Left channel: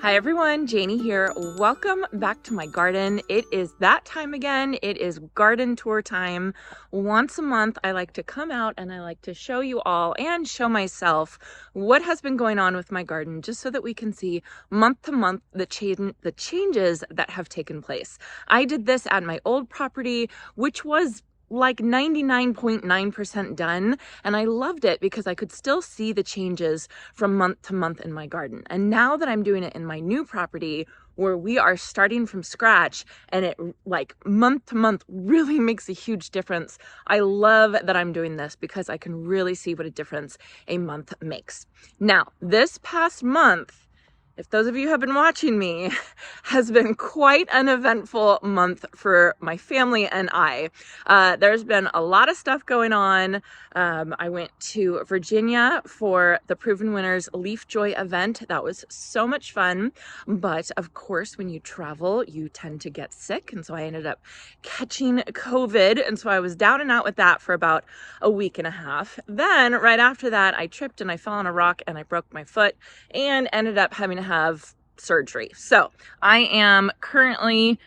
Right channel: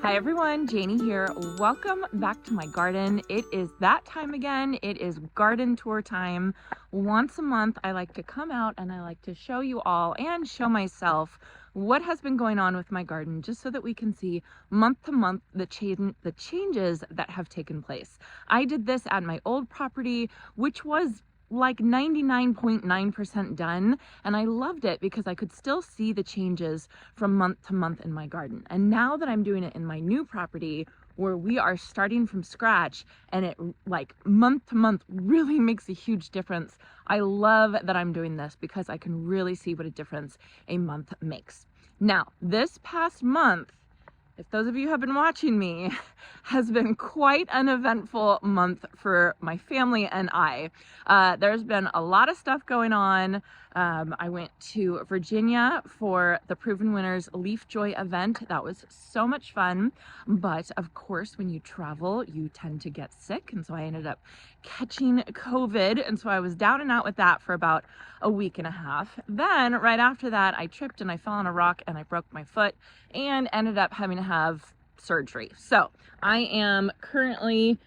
Hi everyone, Janie here. Welcome back to my garden. It is that time again. It is garden tour time. Once a month, I like to come out and I like to show you all and show myself what has been going on with my garden, just so that we can see month to month the changes that have taken place. I did this at my old property, which was like 99.9% done, and I loved it because I could still see the changes from month to month in my garden. And now that I'm doing it in my new property, where we are starting from scratch, and it like month to month really makes a huge difference, I love that I'm doing this because I can really see what a difference a month makes. Now, this past month, if those of you have been watching me, has been quite an eventful month for my family and I. There's been a lot of stuff going on. I went to Virginia for the Proven Winners Leaf Joy event. That was so much fun. But of course, when you travel, you tend to get sick. And so I ended up catching COVID. And so I was down and out with that for about a week and a half. Then right after that, I tripped and I fell on a rock and I broke my foot and ended up having to have surgery. So I am currently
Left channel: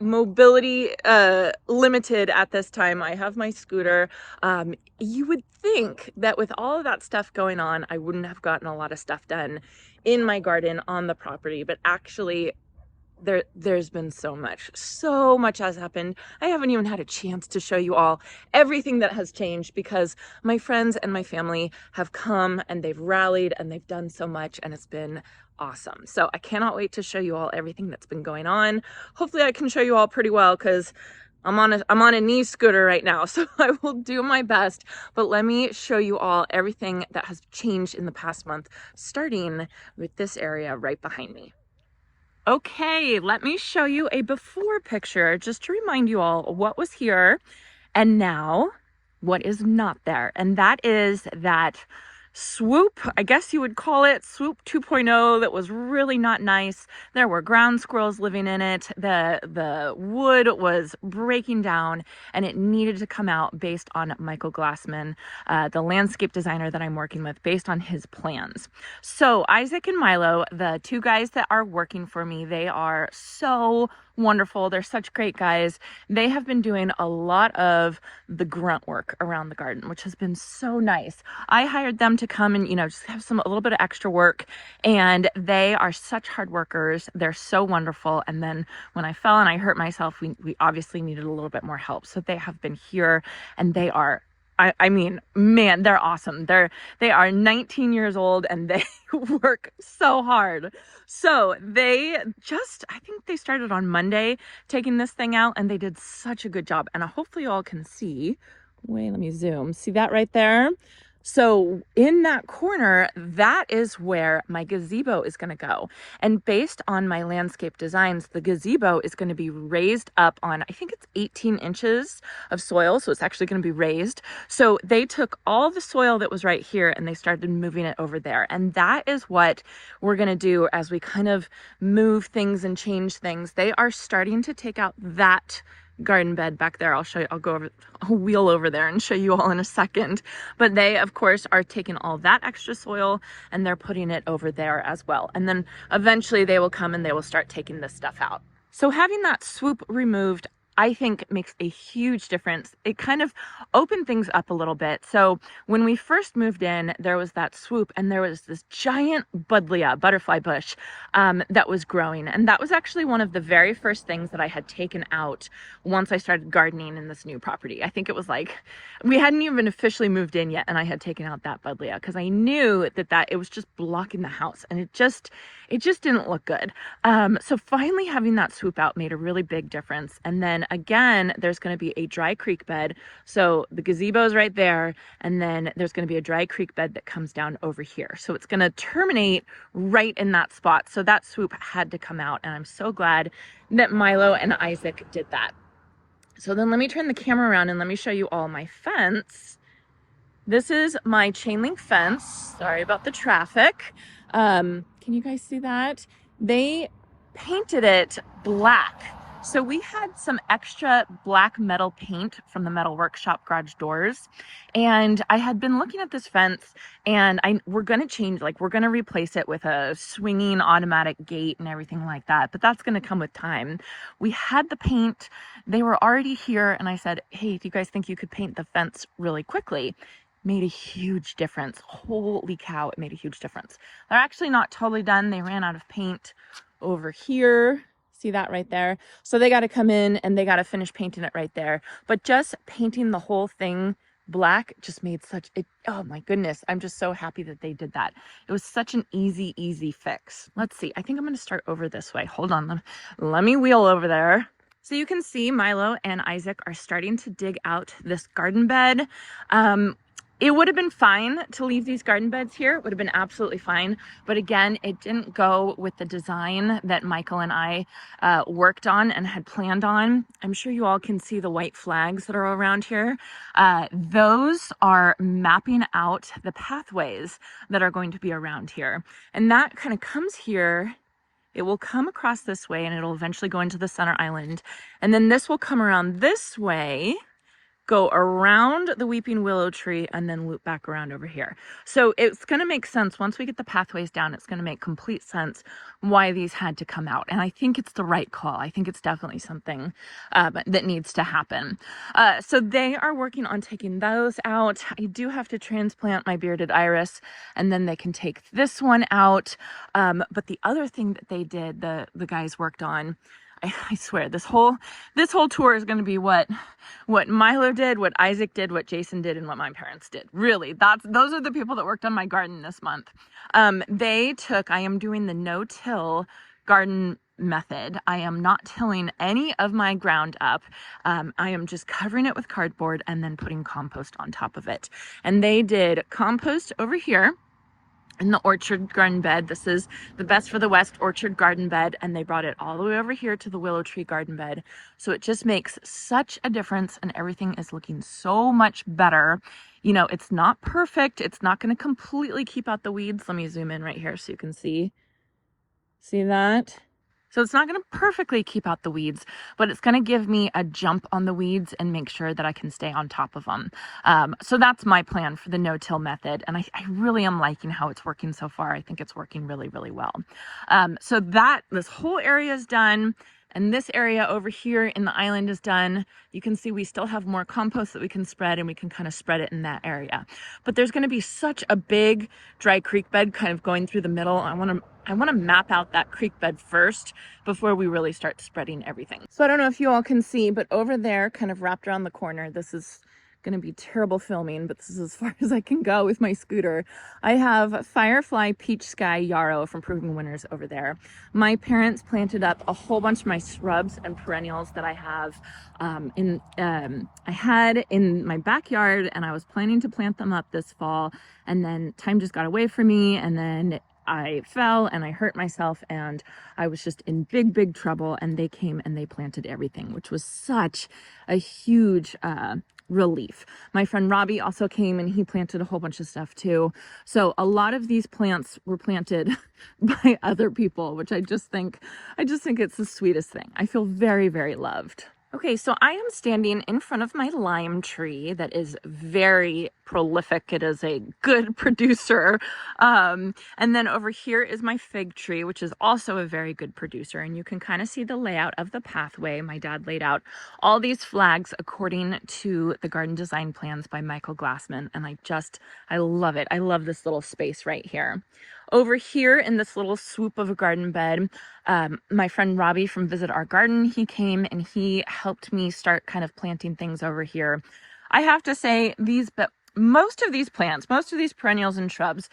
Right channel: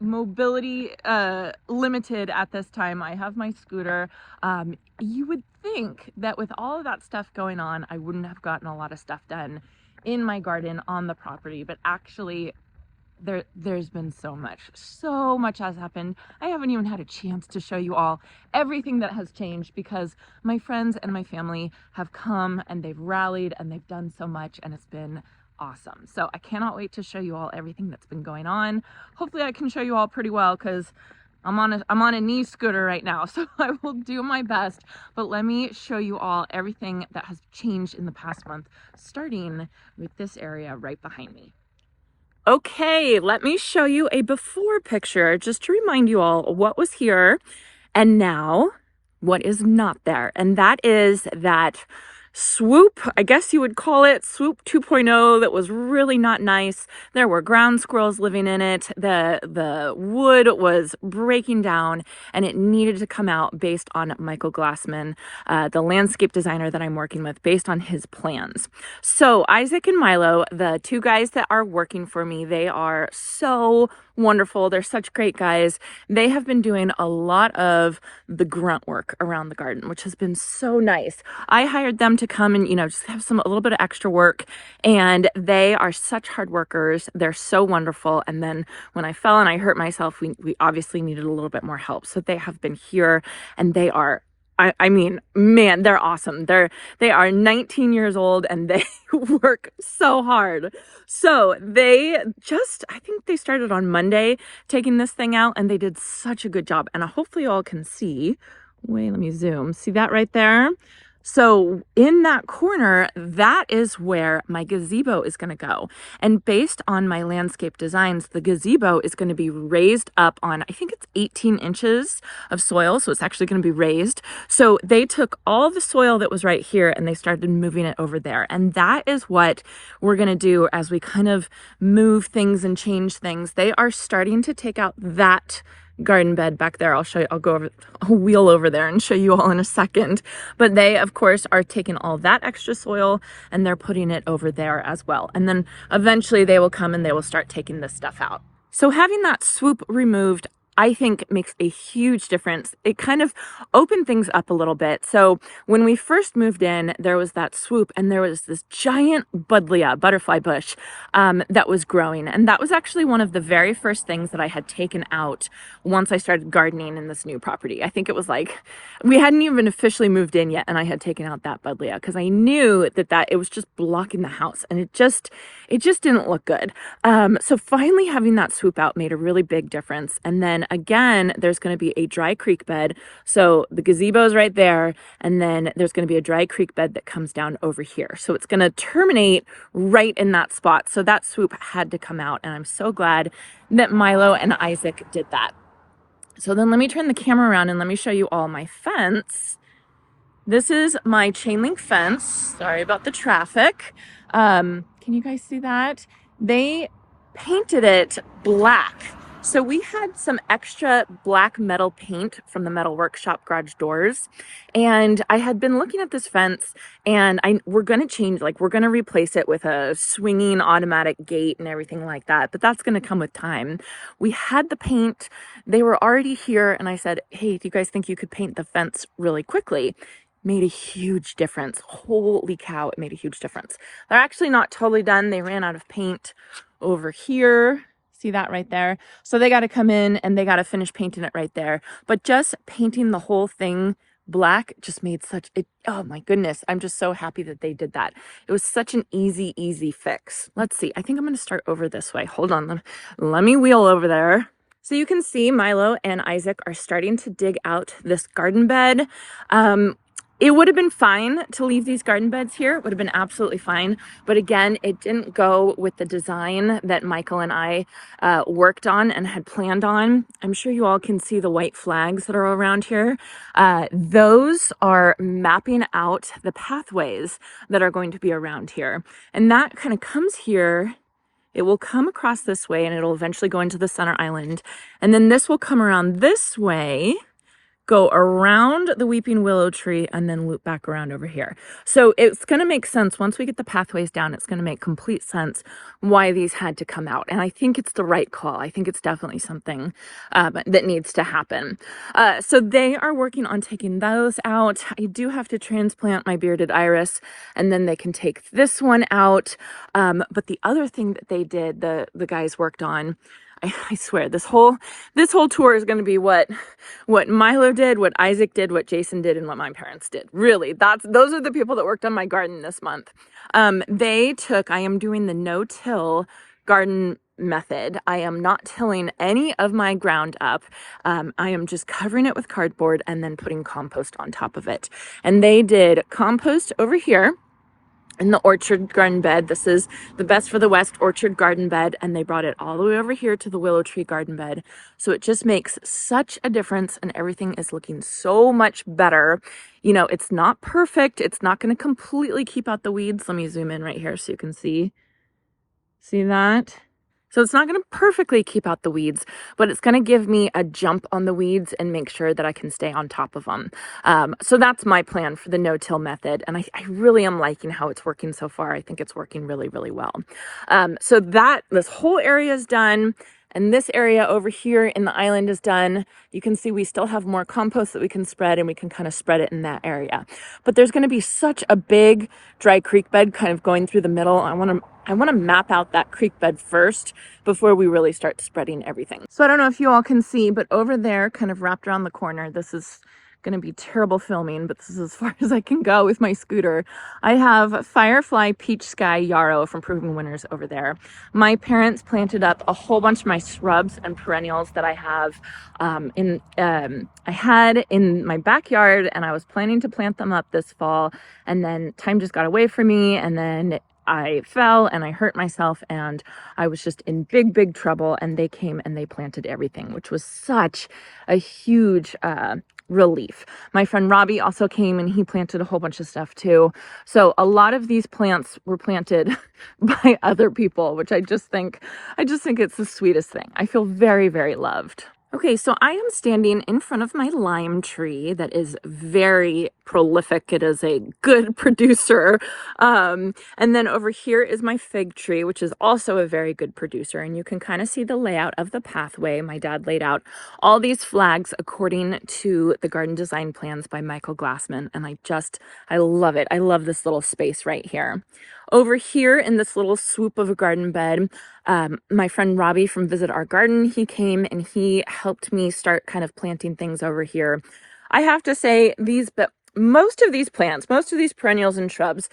mobility limited at this time. I have my scooter. You would think that with all of that stuff going on, I wouldn't have gotten a lot of stuff done in my garden on the property, but actually there's been so much has happened. I haven't even had a chance to show you all everything that has changed because my friends and my family have come and they've rallied and they've done so much, and it's been awesome. So I cannot wait to show you all everything that's been going on. Hopefully I can show you all pretty well because I'm on a knee scooter right now, so I will do my best. But let me show you all everything that has changed in the past month, starting with this area right behind me. Okay, let me show you a before picture just to remind you all what was here and now what is not there. And that is that swoop, I guess you would call it, swoop 2.0, that was really not nice. There were ground squirrels living in it. The wood was breaking down and it needed to come out based on Michael Glassman, the landscape designer that I'm working with, based on his plans. So Isaac and Milo, the two guys that are working for me, they are so wonderful. They're such great guys. They have been doing a lot of the grunt work around the garden, which has been so nice. I hired them to come and, just have a little bit of extra work, and they are such hard workers. They're so wonderful. And then when I fell and I hurt myself, we obviously needed a little bit more help. So they have been here, and they are, I mean, man, they're awesome. They are 19 years old and they work so hard. So I think they started on Monday taking this thing out, and they did such a good job. And hopefully you all can see, wait, let me zoom. See that right there? So in that corner, that is where my gazebo is going to go. And based on my landscape designs, the gazebo is going to be raised up on, I think it's 18 inches of soil. So it's actually going to be raised. So they took all the soil that was right here and they started moving it over there. And that is what we're going to do as we kind of move things and change things. They are starting to take out that garden bed back there. I'll wheel over there and show you all in a second. But they, of course, are taking all that extra soil and they're putting it over there as well. And then eventually they will come and they will start taking this stuff out. So having that swoop removed, I think, makes a huge difference. It kind of opened things up a little bit. So when we first moved in, there was that swoop and there was this giant buddleia, butterfly bush, that was growing. And that was actually one of the very first things that I had taken out once I started gardening in this new property. I think it was like, we hadn't even officially moved in yet, and I had taken out that buddleia because I knew that it was just blocking the house, and it just didn't look good. So finally having that swoop out made a really big difference. And then again, there's going to be a dry creek bed. So the gazebo is right there, and then there's going to be a dry creek bed that comes down over here. So it's going to terminate right in that spot. So that swoop had to come out, and I'm so glad that Milo and Isaac did that. So then let me turn the camera around and let me show you all my fence. This is my chain link fence. Sorry about the traffic. Can you guys see that? They painted it black So we had some extra black metal paint from the metal workshop garage doors, and I had been looking at this fence, and we're gonna change, like we're gonna replace it with a swinging automatic gate and everything like that, but that's gonna come with time. We had the paint, they were already here, and I said, hey, do you guys think you could paint the fence really quickly? Made a huge difference. Holy cow, it made a huge difference. They're actually not totally done. They ran out of paint over here. See that right there? So they got to come in and they got to finish painting it right there. But just painting the whole thing black just made such it. Oh my goodness. I'm just so happy that they did that. It was such an easy fix. Let's see. I think I'm going to start over this way. Hold on. Let me wheel over there. So you can see Milo and Isaac are starting to dig out this garden bed. It would have been fine to leave these garden beds here. It would have been absolutely fine. But again, it didn't go with the design that Michael and I worked on and had planned on. I'm sure you all can see the white flags that are around here. Those are mapping out the pathways that are going to be around here. And that kind of comes here. It will come across this way and it'll eventually go into the center island. And then this will come around this way, go around the weeping willow tree, and then loop back around over here. So it's going to make sense once we get the pathways down. It's going to make complete sense why these had to come out. And I think it's the right call. I think it's definitely something that needs to happen. So they are working on taking those out. I do have to transplant my bearded iris, and then they can take this one out. But the other thing that they did, the guys worked on, I swear this whole tour is going to be what Milo did, what Isaac did, what Jason did, and what my parents did. Really, those are the people that worked on my garden this month. I am doing the no-till garden method. I am not tilling any of my ground up. I am just covering it with cardboard and then putting compost on top of it. And they did compost over here in the orchard garden bed. This is the Best for the West orchard garden bed, and they brought it all the way over here to the willow tree garden bed. So it just makes such a difference, and everything is looking so much better. You know, it's not perfect. It's not going to completely keep out the weeds. Let me zoom in right here so you can see that? So it's not going to perfectly keep out the weeds, but it's going to give me a jump on the weeds and make sure that I can stay on top of them. So that's my plan for the no-till method. And I really am liking how it's working so far. I think it's working really well. So this whole area is done. And this area over here in the island is done. You can see we still have more compost that we can spread, and we can kind of spread it in that area. But there's going to be such a big dry creek bed kind of going through the middle. I want to map out that creek bed first before we really start spreading everything. So I don't know if you all can see, but over there, kind of wrapped around the corner, this is going to be terrible filming, but this is as far as I can go with my scooter. I have Firefly Peach Sky Yarrow from Proven Winners over there. My parents planted up a whole bunch of my shrubs and perennials that I have I had in my backyard, and I was planning to plant them up this fall, and then time just got away from me, and then I fell and I hurt myself, and I was just in big trouble, and they came and they planted everything, which was such a huge relief. My friend Robbie also came and he planted a whole bunch of stuff too. So a lot of these plants were planted by other people, which I just think it's the sweetest thing. I feel very loved. Okay, so I am standing in front of my lime tree that is very prolific. It is a good producer. And then over here is my fig tree, which is also a very good producer. And you can kind of see the layout of the pathway. My dad laid out all these flags according to the garden design plans by Michael Glassman. And I love it. I love this little space right here. Over here in this little swoop of a garden bed, my friend Robbie from Visit Our Garden, he came and he helped me start kind of planting things over here. I have to say, most of these plants, most of these perennials and shrubs,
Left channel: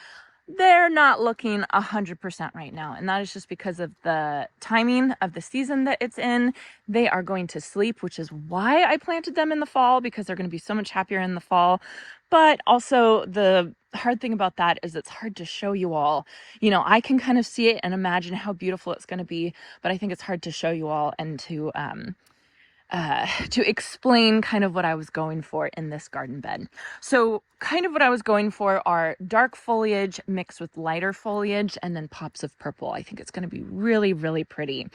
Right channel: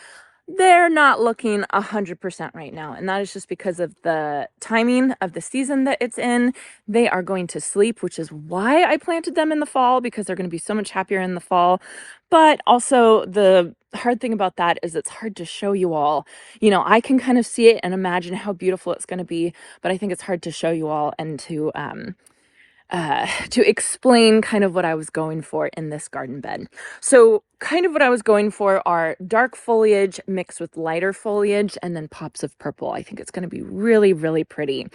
they're not looking 100% right now. And that is just because of the timing of the season that it's in. They are going to sleep, which is why I planted them in the fall, because they're going to be so much happier in the fall. But also the hard thing about that is it's hard to show you all. You know, I can kind of see it and imagine how beautiful it's going to be, but I think it's hard to show you all and to to explain kind of what I was going for in this garden bed. So kind of what I was going for are dark foliage mixed with lighter foliage and then pops of purple. I think it's going to be really, really pretty.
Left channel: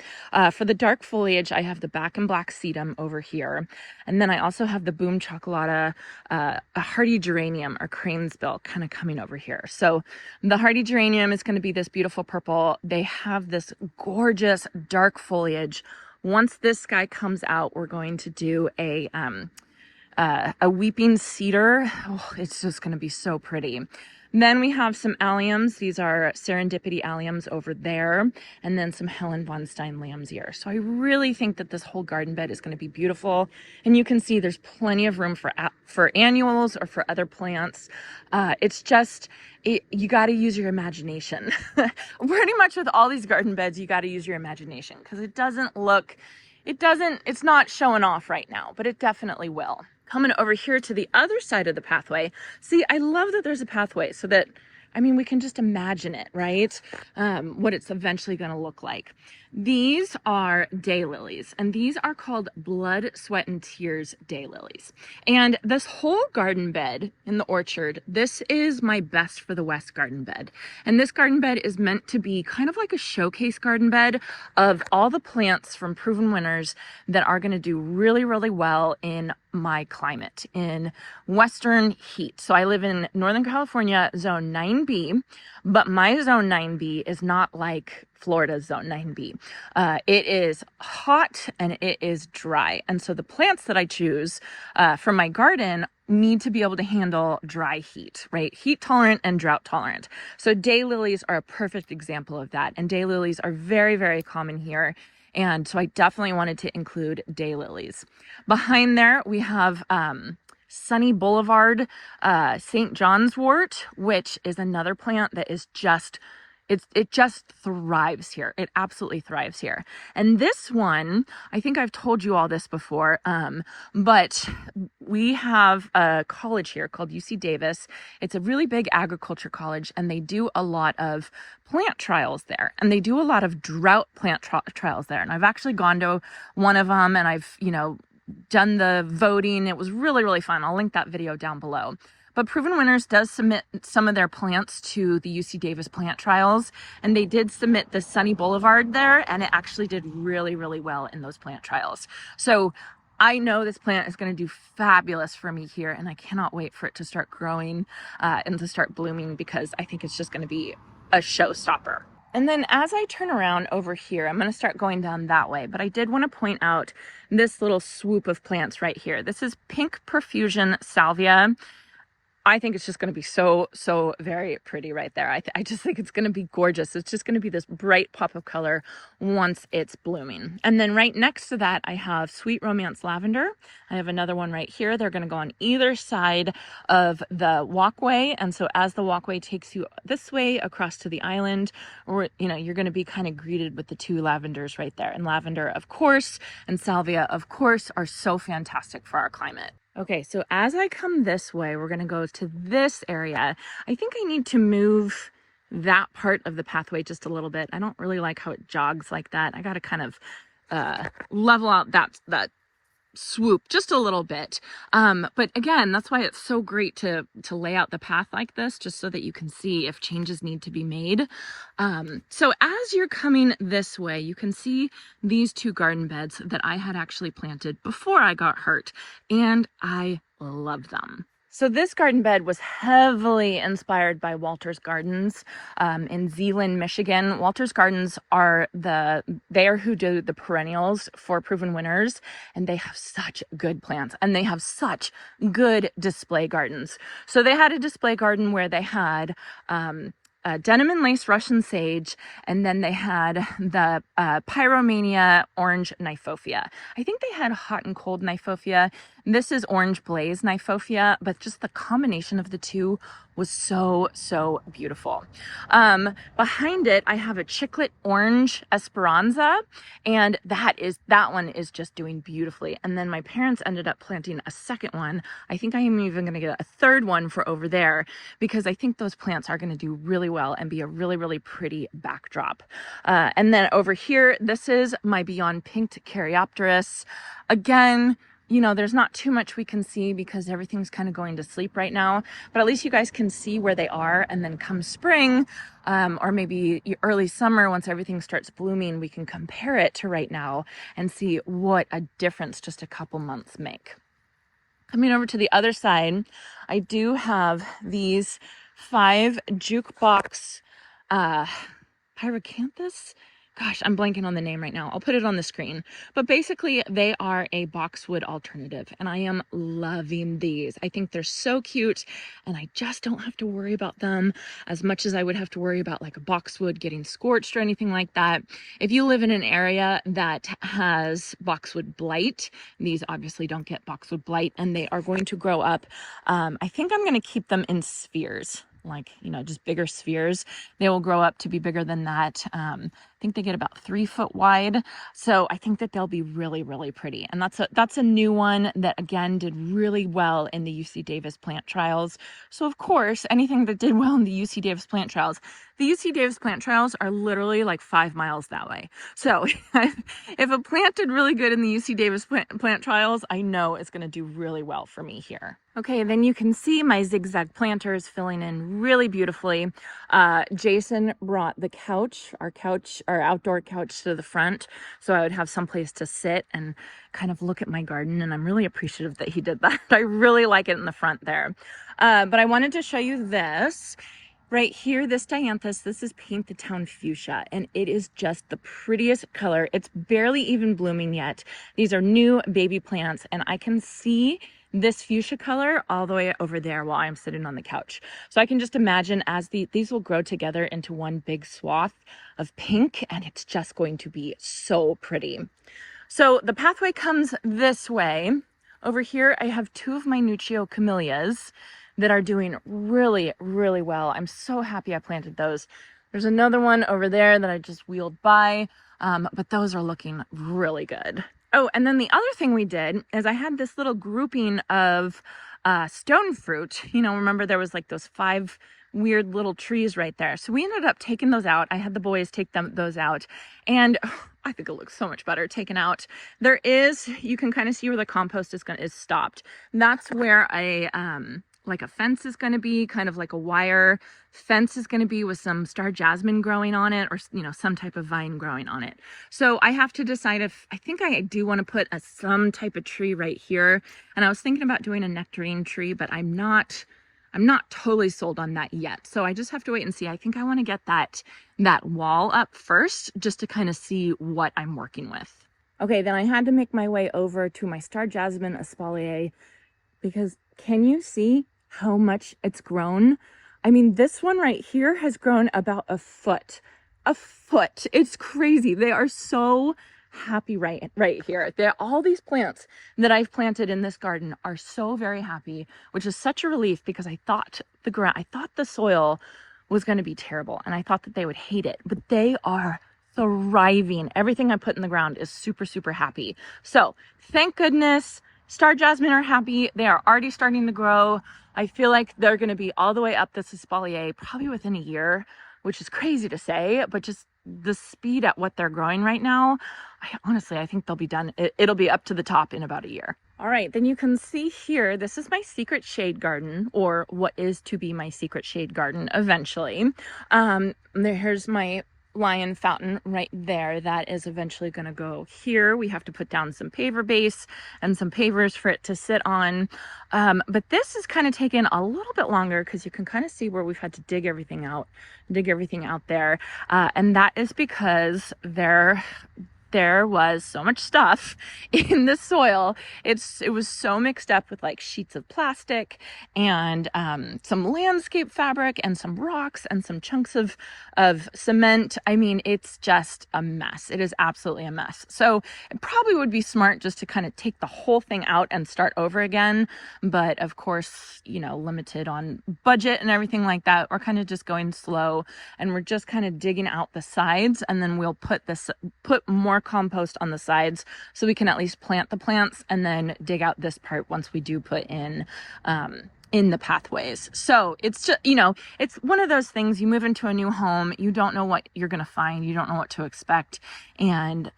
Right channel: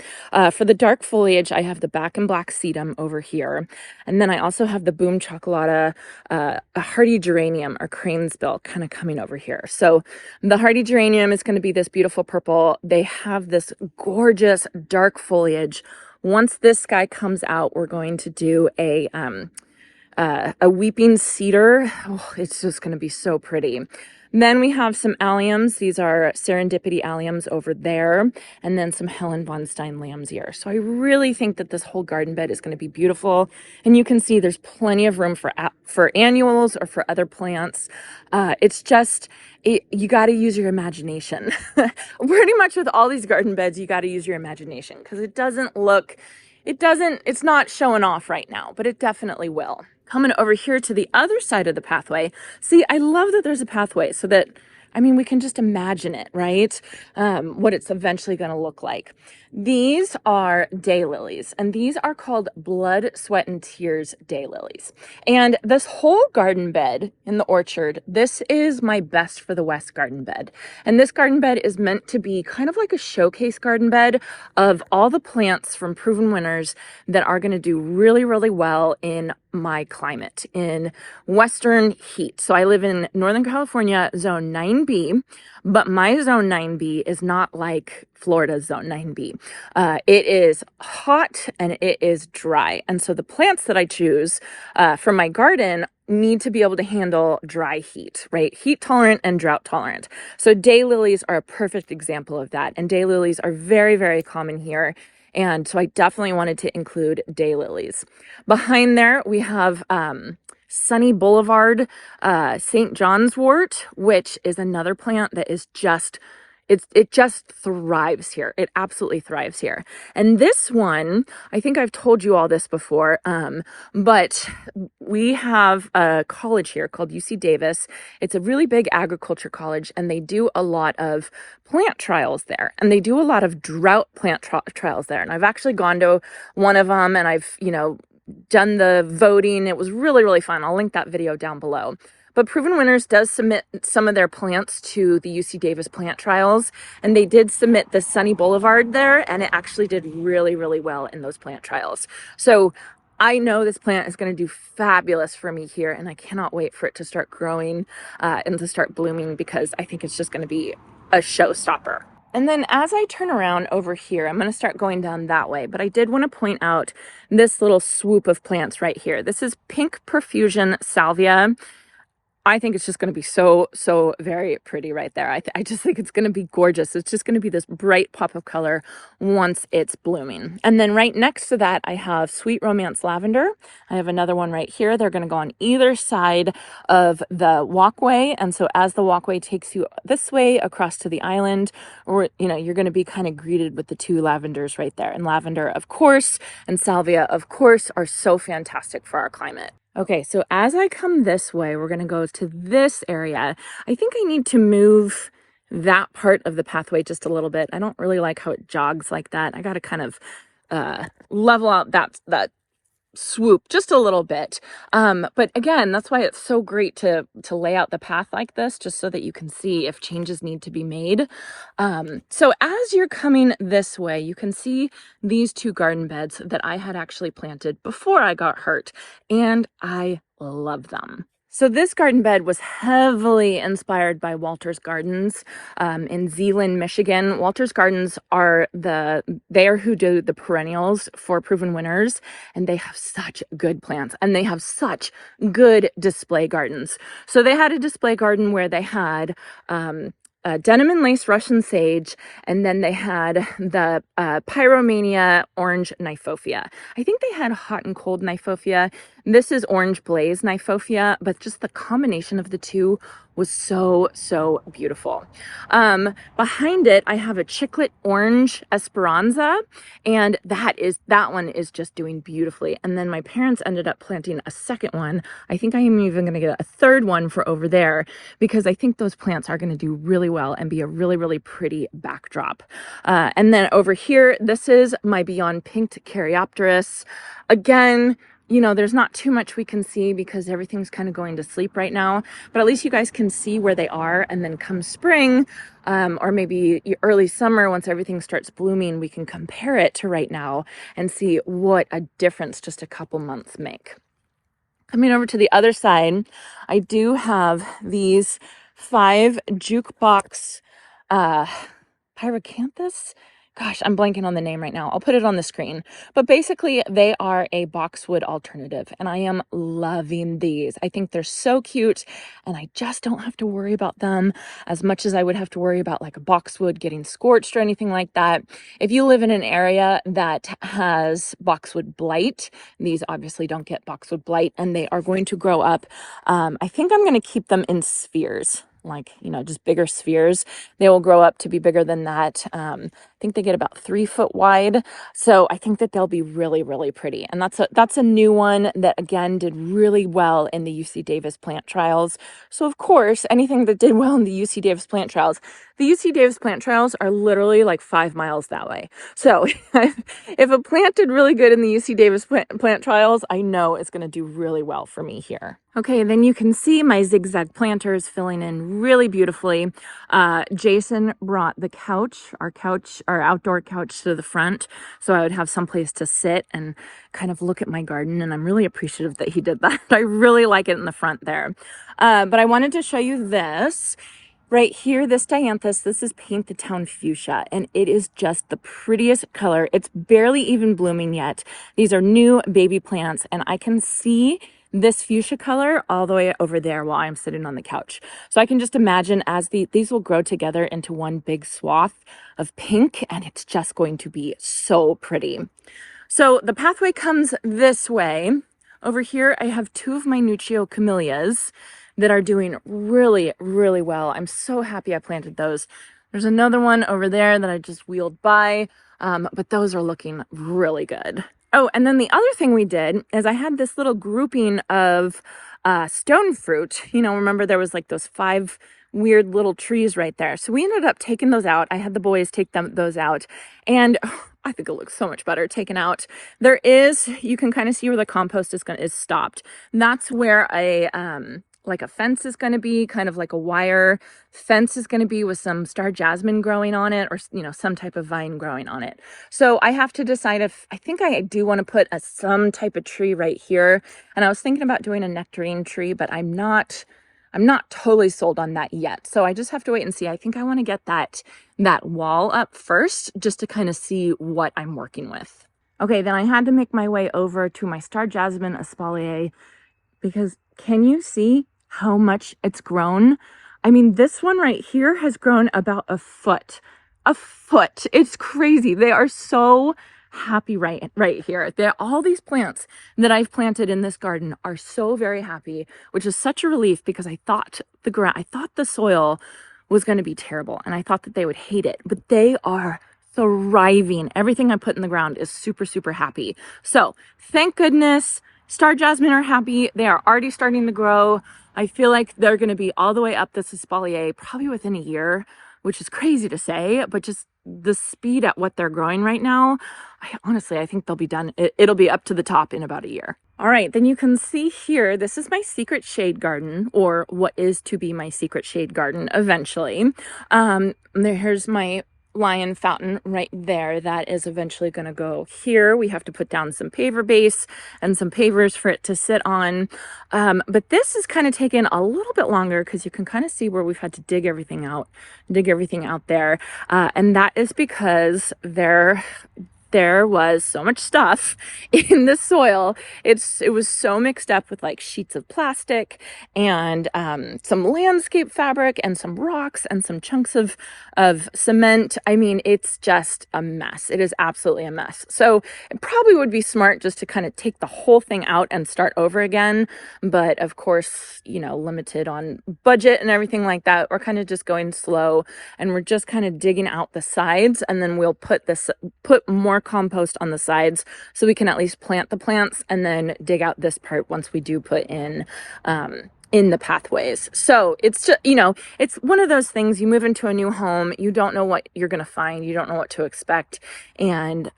For the dark foliage, I have the back and black sedum over here. And then I also have the boom chocolata, a hardy geranium or cranesbill kind of coming over here. So the hardy geranium is going to be this beautiful purple. They have this gorgeous dark foliage. Once this guy comes out, we're going to do a weeping cedar. Oh, it's just going to be so pretty. Then we have some alliums. These are serendipity alliums over there, and then some Helen von Stein lamb's ear. So I really think that this whole garden bed is going to be beautiful. And you can see there's plenty of room for annuals or for other plants. It's just, you got to use your imagination. Pretty much with all these garden beds, you got to use your imagination because it's not showing off right now, but it definitely will. Coming over here to the other side of the pathway. See, I love that there's a pathway so that, I mean, we can just imagine it, right? What it's eventually going to look like. These are daylilies, and these are called blood, sweat, and tears daylilies. And this whole garden bed in the orchard, this is my best for the West garden bed. And this garden bed is meant to be kind of like a showcase garden bed of all the plants from proven winners that are going to do really, really well in my climate, in Western heat. So I live in Northern California, zone 9B, but my zone 9B is not like Florida's zone 9B. It is hot and it is dry. And so the plants that I choose for my garden need to be able to handle dry heat, right? Heat tolerant and drought tolerant. So daylilies are a perfect example of that. And daylilies are very, very common here. And so I definitely wanted to include daylilies. Behind there, we have Sunny Boulevard St. John's wort, which is another plant that is just, it just thrives here. It absolutely thrives here. And this one, I think I've told you all this before, but we have a college here called UC Davis. It's a really big agriculture college, and they do a lot of plant trials there, and they do a lot of drought plant trials there. And I've actually gone to one of them, and I've, done the voting. It was really, really fun. I'll link that video down below. But Proven Winners does submit some of their plants to the UC Davis plant trials, and they did submit the Sunny Boulevard there, and it actually did really, really well in those plant trials. So I know this plant is going to do fabulous for me here, and I cannot wait for it to start growing and to start blooming, because I think it's just going to be a showstopper. And then as I turn around over here, I'm going to start going down that way. But I did want to point out this little swoop of plants right here. This is Pink Profusion Salvia. I think it's just going to be so, so very pretty right there. I just think it's going to be gorgeous. It's just going to be this bright pop of color once it's blooming. And then right next to that, I have Sweet Romance Lavender. I have another one right here. They're going to go on either side of the walkway. And so as the walkway takes you this way across to the island, or, you're going to be kind of greeted with the two lavenders right there. And lavender, of course, and salvia, of course, are so fantastic for our climate. Okay, so as I come this way, we're going to go to this area. I think I need to move that part of the pathway just a little bit. I don't really like how it jogs like that. I got to kind of level out that swoop just a little bit. But again, that's why it's so great to lay out the path like this, just so that you can see if changes need to be made. So as you're coming this way, you can see these two garden beds that I had actually planted before I got hurt, and I love them. So this garden bed was heavily inspired by Walter's Gardens in Zeeland, Michigan. Walter's Gardens they are who do the perennials for Proven Winners, and they have such good plants, and they have such good display gardens. So they had a display garden where they had denim and lace Russian sage, and then they had the pyromania orange Kniphofia. I think they had hot and cold Kniphofia, This is orange blaze Kniphofia, but just the combination of the two was so, so beautiful. Behind it, I have a chiclet orange Esperanza, and that one is just doing beautifully. And then my parents ended up planting a second one. I think I am even going to get a third one for over there, because I think those plants are going to do really well and be a really, really pretty backdrop. And then over here, this is my Beyond Pinked Caryopteris. Again, you know, there's not too much we can see because everything's kind of going to sleep right now, but at least you guys can see where they are. And then come spring, or maybe early summer, once everything starts blooming, we can compare it to right now and see what a difference just a couple months make. Coming over to the other side, I do have these 5 jukebox pyracanthus. Gosh, I'm blanking on the name right now. I'll put it on the screen. But basically, they are a boxwood alternative, and I am loving these. I think they're so cute, and I just don't have to worry about them as much as I would have to worry about like a boxwood getting scorched or anything like that. If you live in an area that has boxwood blight, these obviously don't get boxwood blight, and they are going to grow up. I think I'm going to keep them in spheres, like, you know, just bigger spheres. They will grow up to be bigger than that. I think they get about 3 foot wide. So I think that they'll be really, really pretty. And that's a new one that, again, did really well in the UC Davis plant trials. So of course, anything that did well in the UC Davis plant trials, the UC Davis plant trials are literally like 5 miles that way. So if a plant did really good in the UC Davis plant trials, I know it's going to do really well for me here. Okay, then you can see my zigzag planters filling in really beautifully. Jason brought the couch, our outdoor couch, to the front, so I would have someplace to sit and kind of look at my garden, and I'm really appreciative that he did that. I really like it in the front there. But I wanted to show you this. Right here, this dianthus, this is Paint the Town Fuchsia, and it is just the prettiest color. It's barely even blooming yet. These are new baby plants, and I can see this fuchsia color all the way over there while I'm sitting on the couch. So I can just imagine as these will grow together into one big swath of pink, and it's just going to be so pretty. So the pathway comes this way. Over here, I have 2 of my Nuccio camellias that are doing really, really well. I'm so happy I planted those. There's another one over there that I just wheeled by, but those are looking really good. Oh, and then the other thing we did is I had this little grouping of stone fruit. You know, remember there was like those 5 weird little trees right there. So we ended up taking those out. I had the boys take those out, and I think it looks so much better taken out. There is, you can kind of see where the compost is stopped. That's where a like a fence is going to be, kind of like a wire fence is going to be with some star jasmine growing on it, or, you know, some type of vine growing on it. So I have to decide if, I think I do want to put some type of tree right here. And I was thinking about doing a nectarine tree, but I'm not totally sold on that yet. So I just have to wait and see. I think I want to get that wall up first, just to kind of see what I'm working with. Okay, then I had to make my way over to my star jasmine espalier, because can you see how much it's grown? I mean, this one right here has grown about a foot. A foot. It's crazy. They are so happy right here. All these plants that I've planted in this garden are so very happy, which is such a relief, because I thought the soil was going to be terrible, and I thought that they would hate it, but they are thriving. Everything I put in the ground is super, super happy. So thank goodness. Star jasmine are happy. They are already starting to grow. I feel like they're going to be all the way up this espalier probably within a year, which is crazy to say, but just the speed at what they're growing right now, I think they'll be done. It'll be up to the top in about a year. All right, then you can see here, this is my secret shade garden, or what is to be my secret shade garden eventually. Here's my lion fountain right there. That is eventually going to go here. We have to put down some paver base and some pavers for it to sit on. But this is kind of taken a little bit longer, because you can kind of see where we've had to dig everything out there. And that is because there was so much stuff in the soil. It was so mixed up with like sheets of plastic and some landscape fabric and some rocks and some chunks of cement. I mean, it's just a mess. It is absolutely a mess. So it probably would be smart just to kind of take the whole thing out and start over again. But of course, you know, limited on budget and everything like that, we're kind of just going slow, and we're just kind of digging out the sides, and then we'll put more compost on the sides so we can at least plant the plants, and then dig out this part once we do put in the pathways. So it's just, you know, it's one of those things. You move into a new home, you don't know what you're going to find, you don't know what to expect, and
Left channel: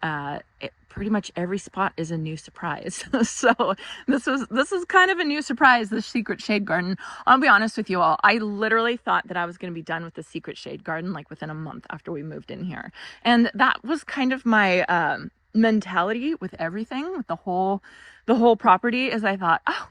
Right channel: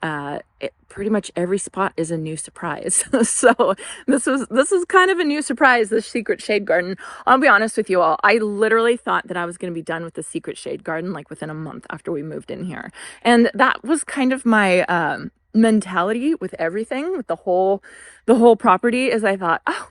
pretty much every spot is a new surprise. So this is kind of a new surprise, this secret shade garden. I'll be honest with you all, I literally thought that I was going to be done with the secret shade garden like within a month after we moved in here, and that was kind of my mentality with everything, with the whole property. Is I thought, oh,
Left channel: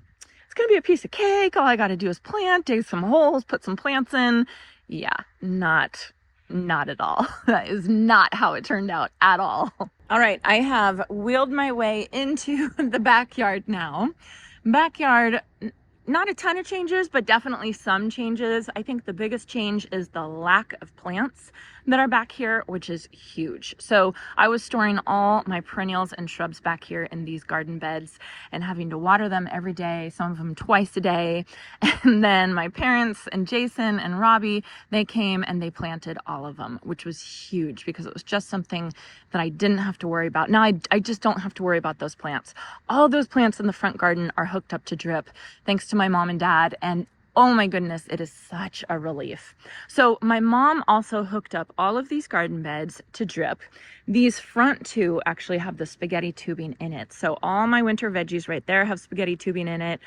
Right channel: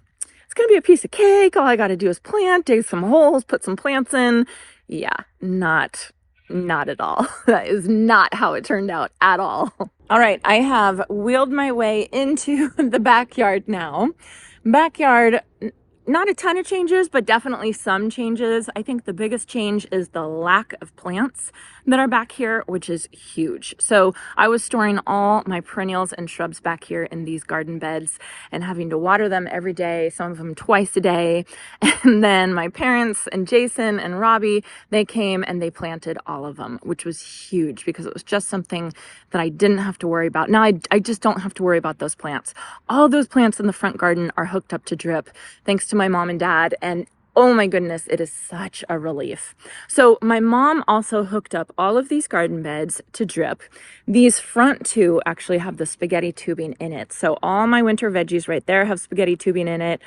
it's gonna be a piece of cake, all I got to do is plant, dig some holes, put some plants in. Yeah, not at all. That is not how it turned out at all. All right, I have wheeled my way into the backyard now. Backyard, not a ton of changes, but definitely some changes. I think the biggest change is the lack of plants that are back here, which is huge. So I was storing all my perennials and shrubs back here in these garden beds and having to water them every day, some of them twice a day. And then my parents and Jason and Robbie, they came and they planted all of them, which was huge because it was just something that I didn't have to worry about. Now I just don't have to worry about those plants. All those plants in the front garden are hooked up to drip, thanks to my mom and dad, and oh my goodness, it is such a relief. So my mom also hooked up all of these garden beds to drip. These front two actually have the spaghetti tubing in it. So all my winter veggies right there have spaghetti tubing in it.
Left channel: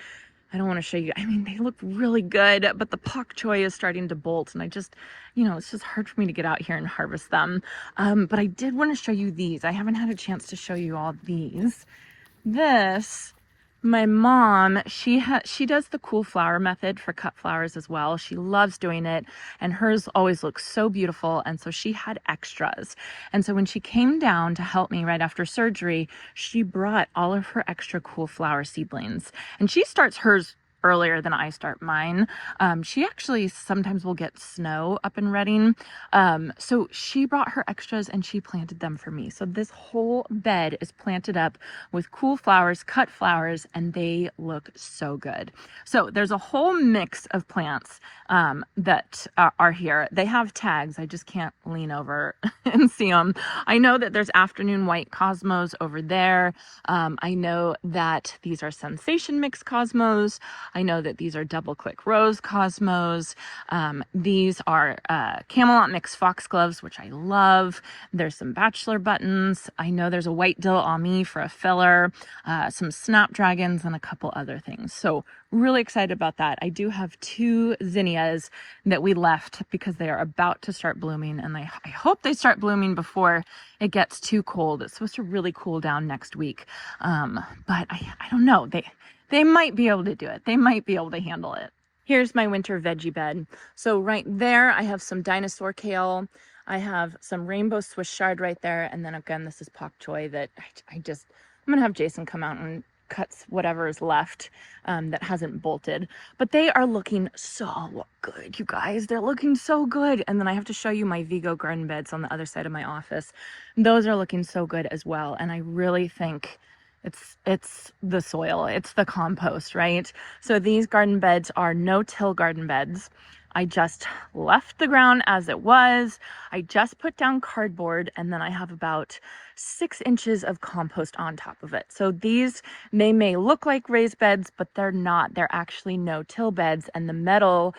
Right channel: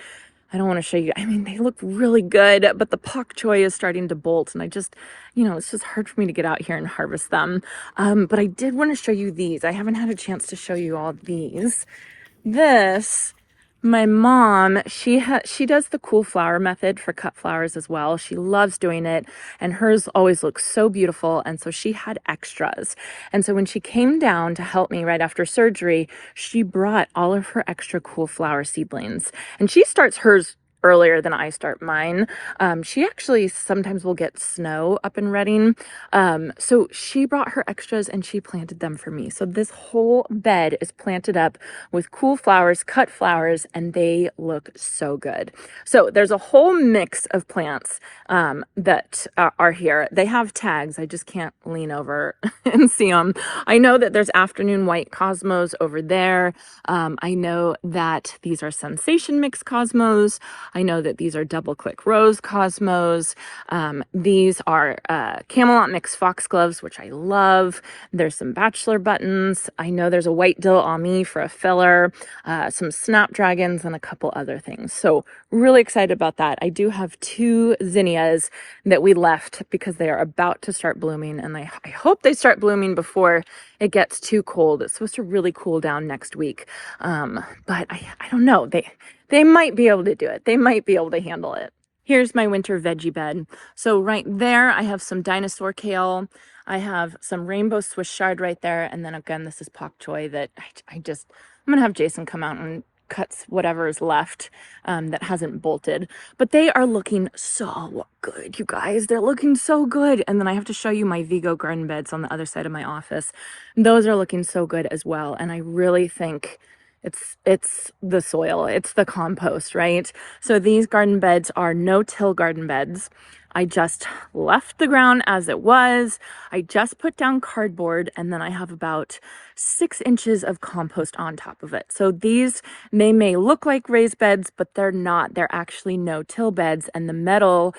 I don't want to show you. I mean, they look really good, but the pak choi is starting to bolt, and I just, you know, it's just hard for me to get out here and harvest them. But I did want to show you these. I haven't had a chance to show you all these. This, my mom, she does the cool flower method for cut flowers as well. She loves doing it, and hers always looks so beautiful. And so she had extras. And so when she came down to help me right after surgery, she brought all of her extra cool flower seedlings. And she starts hers earlier than I start mine. She actually sometimes will get snow up in Redding. So she brought her extras and she planted them for me. So this whole bed is planted up with cool flowers, cut flowers, and they look so good. So there's a whole mix of plants that are here. They have tags. I just can't lean over and see them. I know that there's afternoon white cosmos over there. I know that these are sensation mix cosmos. I know that these are double click rose cosmos. These are Camelot mix foxgloves, which I love. There's some bachelor buttons. I know there's a white dill ami for a filler, some snapdragons, and a couple other things. So really excited about that. I do have 2 zinnias that we left because they are about to start blooming, and I hope they start blooming before it gets too cold. It's supposed to really cool down next week. But I don't know. They might be able to do it. They might be able to handle it. Here's my winter veggie bed. So right there, I have some dinosaur kale. I have some rainbow Swiss chard right there. And then again, this is pak choi that I'm going to have Jason come out and cuts whatever is left that hasn't bolted. But they are looking so good, you guys. They're looking so good. And then I have to show you my Vego garden beds on the other side of my office. Those are looking so good as well. And I really think it's the soil, it's the compost, right? So these garden beds are no-till garden beds. I just left the ground as it was. I just put down cardboard, and then I have about 6 inches of compost on top of it. So these, they may look like raised beds, but they're not. They're actually no-till beds, and the metal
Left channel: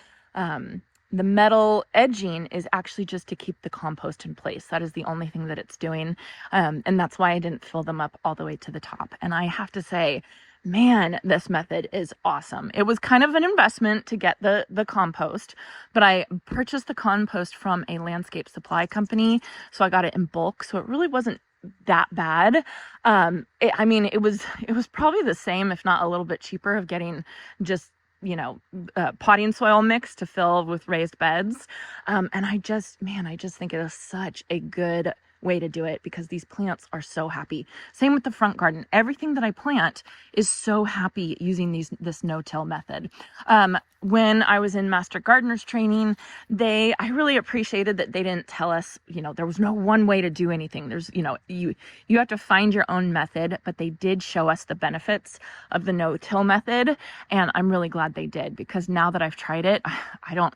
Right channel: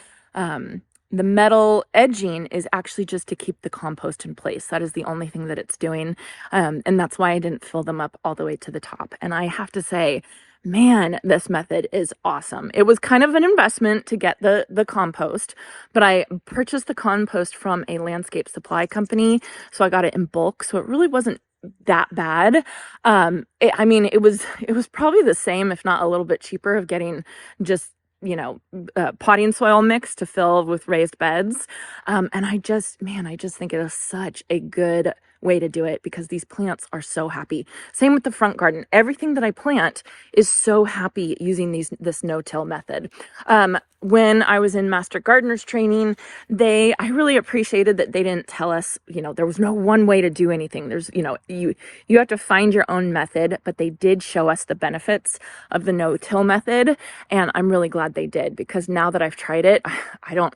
edging is actually just to keep the compost in place. That is the only thing that it's doing. And that's why I didn't fill them up all the way to the top. And I have to say, man, this method is awesome. It was kind of an investment to get the compost, but I purchased the compost from a landscape supply company. So I got it in bulk. So it really wasn't that bad. I mean, it was probably the same, if not a little bit cheaper, of getting just, you know, potting soil mix to fill with raised beds. And I just think it is such a good way to do it because these plants are so happy. Same with the front garden. Everything that I plant is so happy using this no-till method. When I was in Master Gardener's training, I really appreciated that they didn't tell us, there was no one way to do anything. There's, you have to find your own method, but they did show us the benefits of the no-till method. And I'm really glad they did, because now that I've tried it, I don't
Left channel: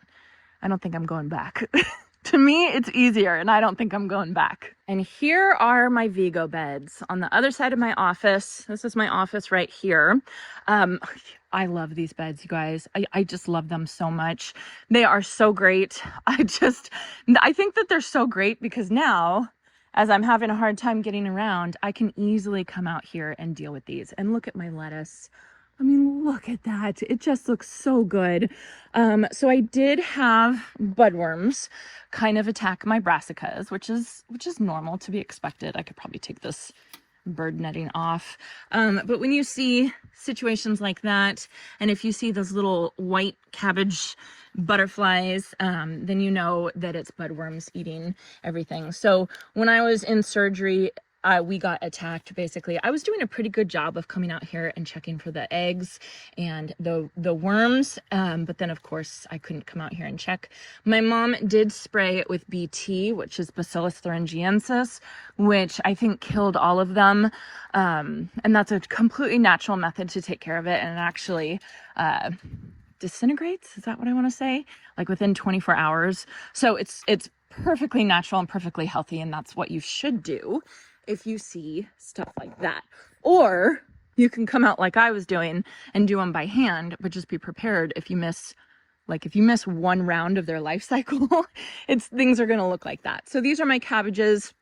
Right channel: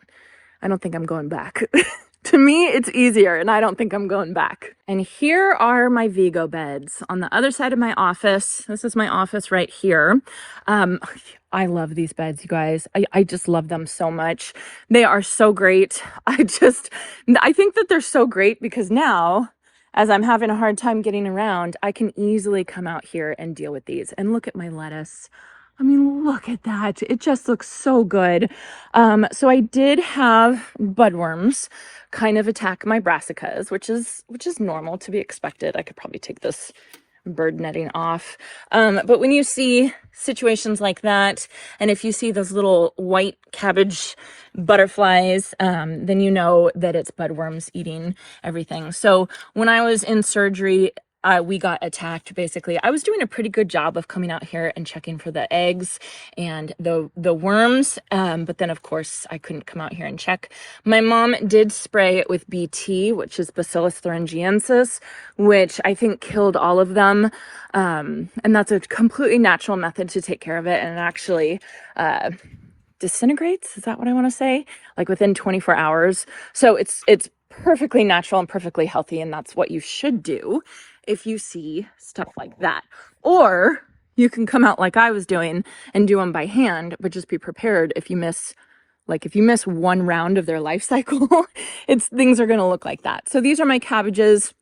think I'm going back. To me, it's easier, and I don't think I'm going back. And here are my Vego beds on the other side of my office. This is my office right here. I love these beds, you guys. I just love them so much. They are so great. I think that they're so great because now, as I'm having a hard time getting around, I can easily come out here and deal with these. And look at my lettuce. I mean, look at that. It just looks so good. So I did have budworms kind of attack my brassicas, which is normal, to be expected. I could probably take this bird netting off. But when you see situations like that, and if you see those little white cabbage butterflies, then you know that it's budworms eating everything. So when I was in surgery, we got attacked. Basically, I was doing a pretty good job of coming out here and checking for the eggs and the worms, but then of course I couldn't come out here and check. My mom did spray it with BT, which is Bacillus thuringiensis, which I think killed all of them, and that's a completely natural method to take care of it, and it actually disintegrates, is that what I want to say, like within 24 hours. So it's perfectly natural and perfectly healthy, and that's what you should do if you see stuff like that. Or you can come out like I was doing and do them by hand, but just be prepared if you miss one round of their life cycle, things are going to look like that. So these are my cabbages.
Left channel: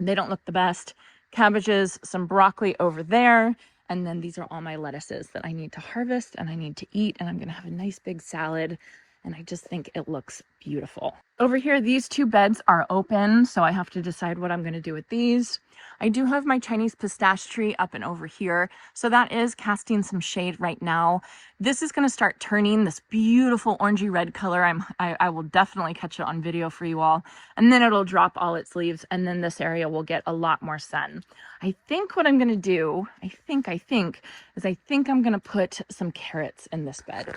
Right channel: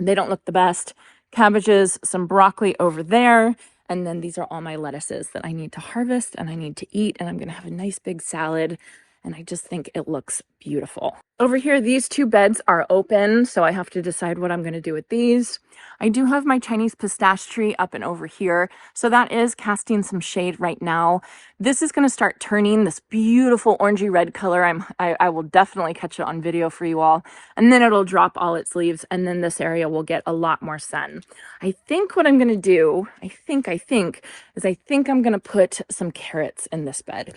They don't look the best. Cabbages, some broccoli over there, and then these are all my lettuces that I need to harvest and I need to eat, and I'm going to have a nice big salad, and I just think it looks beautiful. Over here, these two beds are open, so I have to decide what I'm going to do with these. I do have my Chinese pistache tree up and over here, so that is casting some shade right now. This is going to start turning this beautiful orangey red color. I will definitely catch it on video for you all, and then it'll drop all its leaves, and then this area will get a lot more sun. I think what I'm going to do, I think I'm going to put some carrots in this bed.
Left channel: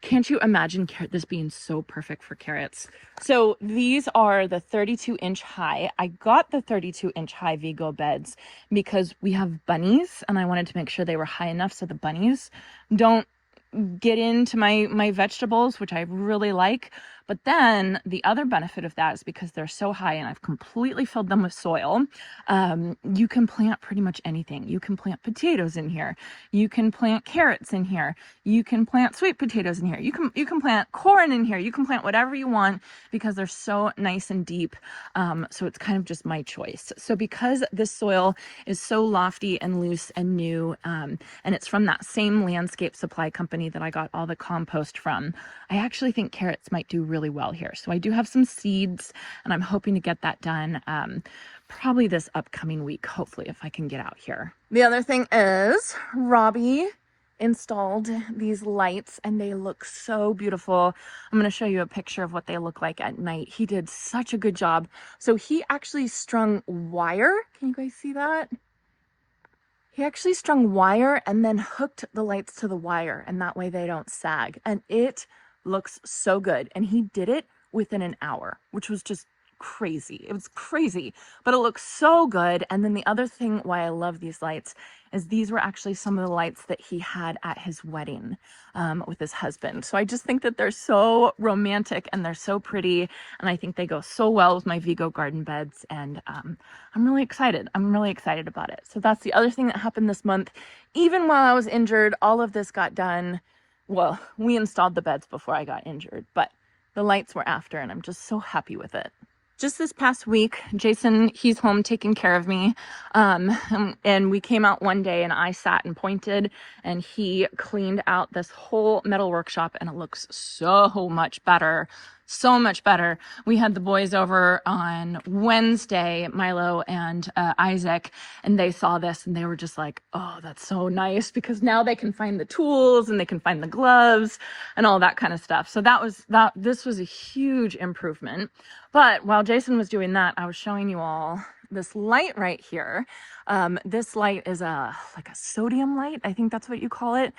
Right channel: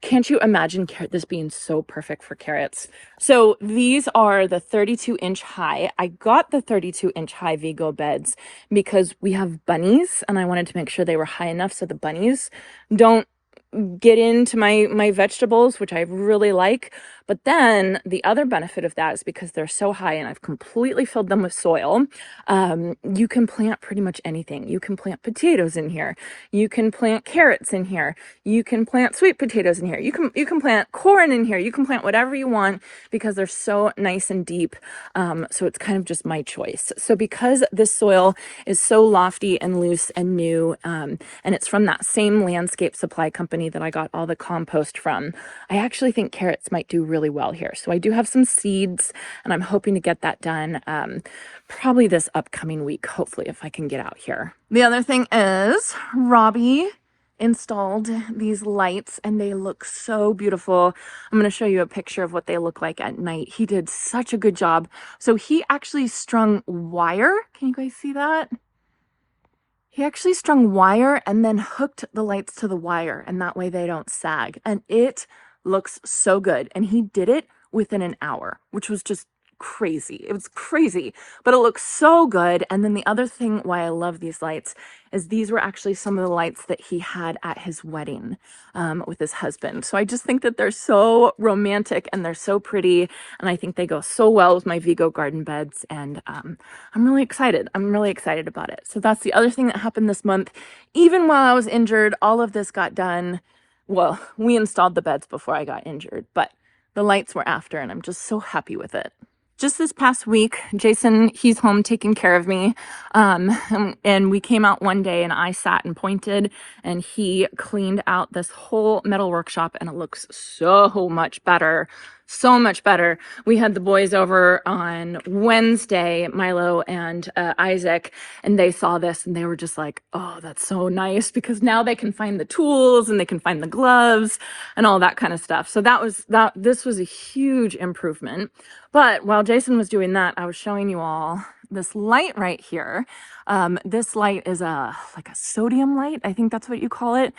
Can't you imagine this being so perfect for carrots? So these are the 32-inch high. I got the 32-inch high Vego beds because we have bunnies, and I wanted to make sure they were high enough so the bunnies don't get into my vegetables, which I really like. But then the other benefit of that is because they're so high and I've completely filled them with soil, you can plant pretty much anything. You can plant potatoes in here. You can plant carrots in here. You can plant sweet potatoes in here. You can plant corn in here. You can plant whatever you want because they're so nice and deep. So it's kind of just my choice. So because this soil is so lofty and loose and new, and it's from that same landscape supply company that I got all the compost from, I actually think carrots might do really well here. So I do have some seeds, and I'm hoping to get that done probably this upcoming week, hopefully, if I can get out here. The other thing is Robbie installed these lights, and they look so beautiful. I'm going to show you a picture of what they look like at night. He did such a good job. So he actually strung wire. Can you guys see that? He actually strung wire and then hooked the lights to the wire, and that way they don't sag. And it looks so good. And he did it within an hour, which was just crazy. It was crazy, but it looks so good. And then the other thing why I love these lights is these were actually some of the lights that he had at his wedding with his husband. So I just think that they're so romantic and they're so pretty, and I think they go so well with my Vego garden beds, and I'm really excited. I'm really excited about it. So that's the other thing that happened this month. Even while I was injured, all of this got done. Well, we installed the beds before I got injured, but the lights were after, and I'm just so happy with it. Just this past week, Jason, he's home taking care of me, and we came out one day and I sat and pointed, and he cleaned out this whole metal workshop, and it looks so much better. so much better. We had the boys over on Wednesday, Milo and Isaac, and they saw this and they were just like, oh, that's so nice, because now they can find the tools and they can find the gloves and all that kind of stuff. So this was a huge improvement. But while Jason was doing that, I was showing you all this light right here. This light is like a sodium light. I think that's what you call it.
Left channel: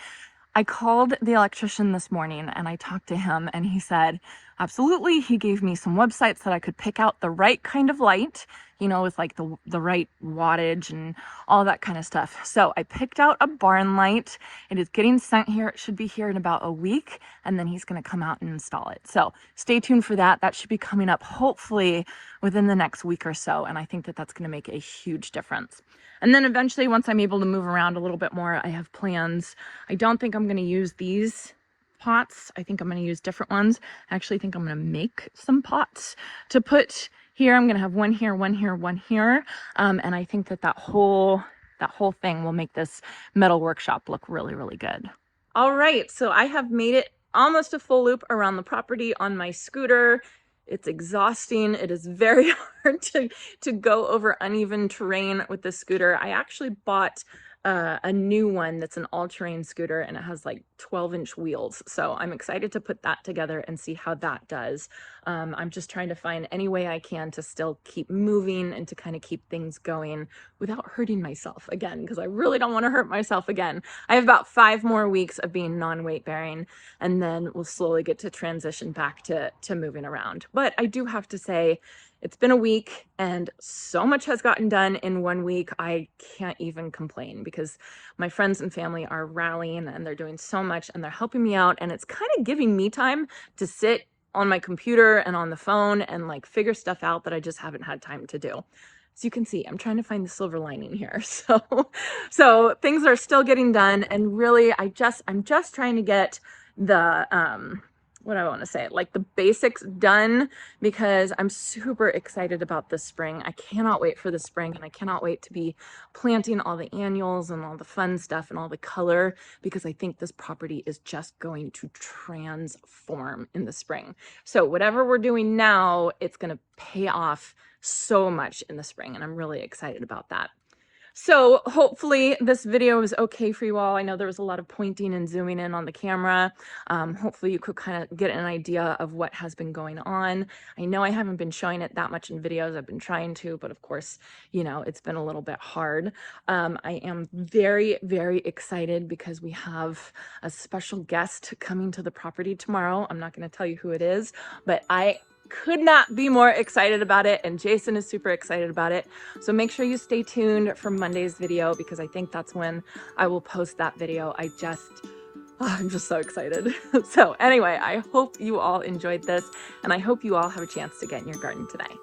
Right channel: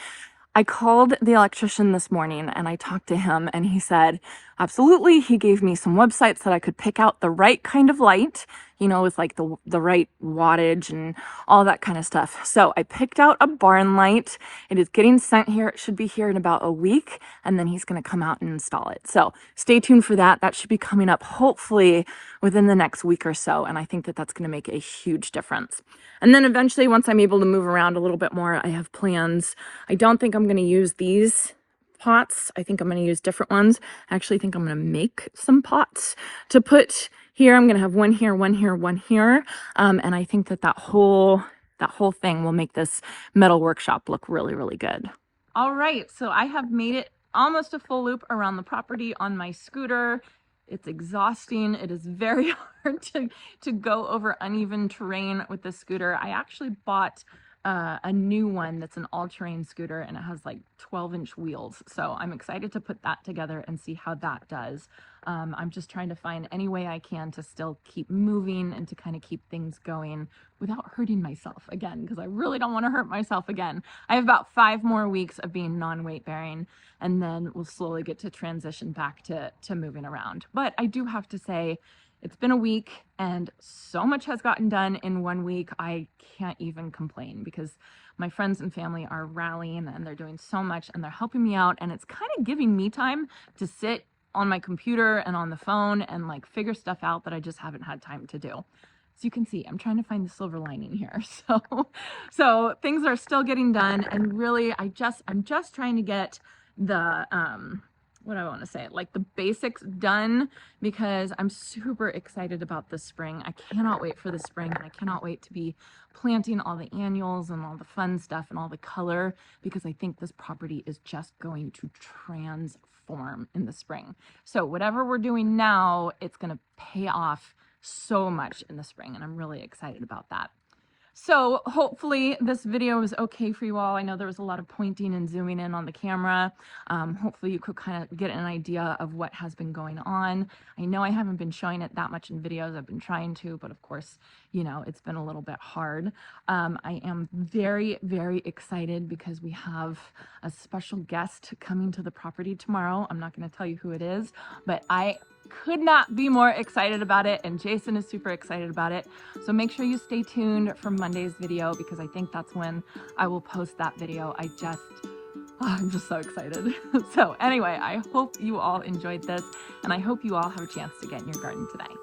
I called the electrician this morning and I talked to him and he said, absolutely. He gave me some websites that I could pick out the right kind of light, you know, with like the right wattage and all that kind of stuff. So I picked out a barn light. It is getting sent here. It should be here in about a week, and then he's going to come out and install it. So stay tuned for that. That should be coming up hopefully within the next week or so. And I think that that's going to make a huge difference. And then eventually, once I'm able to move around a little bit more, I have plans. I don't think I'm going to use these pots. I think I'm going to use different ones. I actually think I'm going to make some pots to put here. I'm going to have one here, one here, one here. And I think that that whole thing will make this metal workshop look really, really good. All right, so I have made it almost a full loop around the property on my scooter. It's exhausting. It is very hard to go over uneven terrain with the scooter. I actually bought a new one that's an all-terrain scooter, and it has like 12-inch wheels. So I'm excited to put that together and see how that does. I'm just trying to find any way I can to still keep moving and to kind of keep things going without hurting myself again, because I really don't want to hurt myself again. I have about 5 more weeks of being non-weight bearing, and then we'll slowly get to transition back to moving around. But I do have to say, it's been a week and so much has gotten done in 1 week. I can't even complain because my friends and family are rallying and they're doing so much and they're helping me out, and it's kind of giving me time to sit on my computer and on the phone and like figure stuff out that I just haven't had time to do. So you can see, I'm trying to find the silver lining here. So things are still getting done, and really I'm just trying to get the what do I want to say, like the basics done, because I'm super excited about this spring. I cannot wait for the spring, and I cannot wait to be planting all the annuals and all the fun stuff and all the color, because I think this property is just going to transform in the spring. So whatever we're doing now, it's going to pay off so much in the spring, and I'm really excited about that. So hopefully this video is okay for you all. I know there was a lot of pointing and zooming in on the camera. Hopefully you could kind of get an idea of what has been going on. I know I haven't been showing it that much in videos. I've been trying to, but of course, you know, it's been a little bit hard. I am very, very excited because we have a special guest coming to the property tomorrow. I'm not going to tell you who it is, but I could not be more excited about it, and Jason is super excited about it. So make sure you stay tuned for Monday's video, because I think that's when I will post that video. I'm just so excited. So anyway, I hope you all enjoyed this, and I hope you all have a chance to get in your garden today.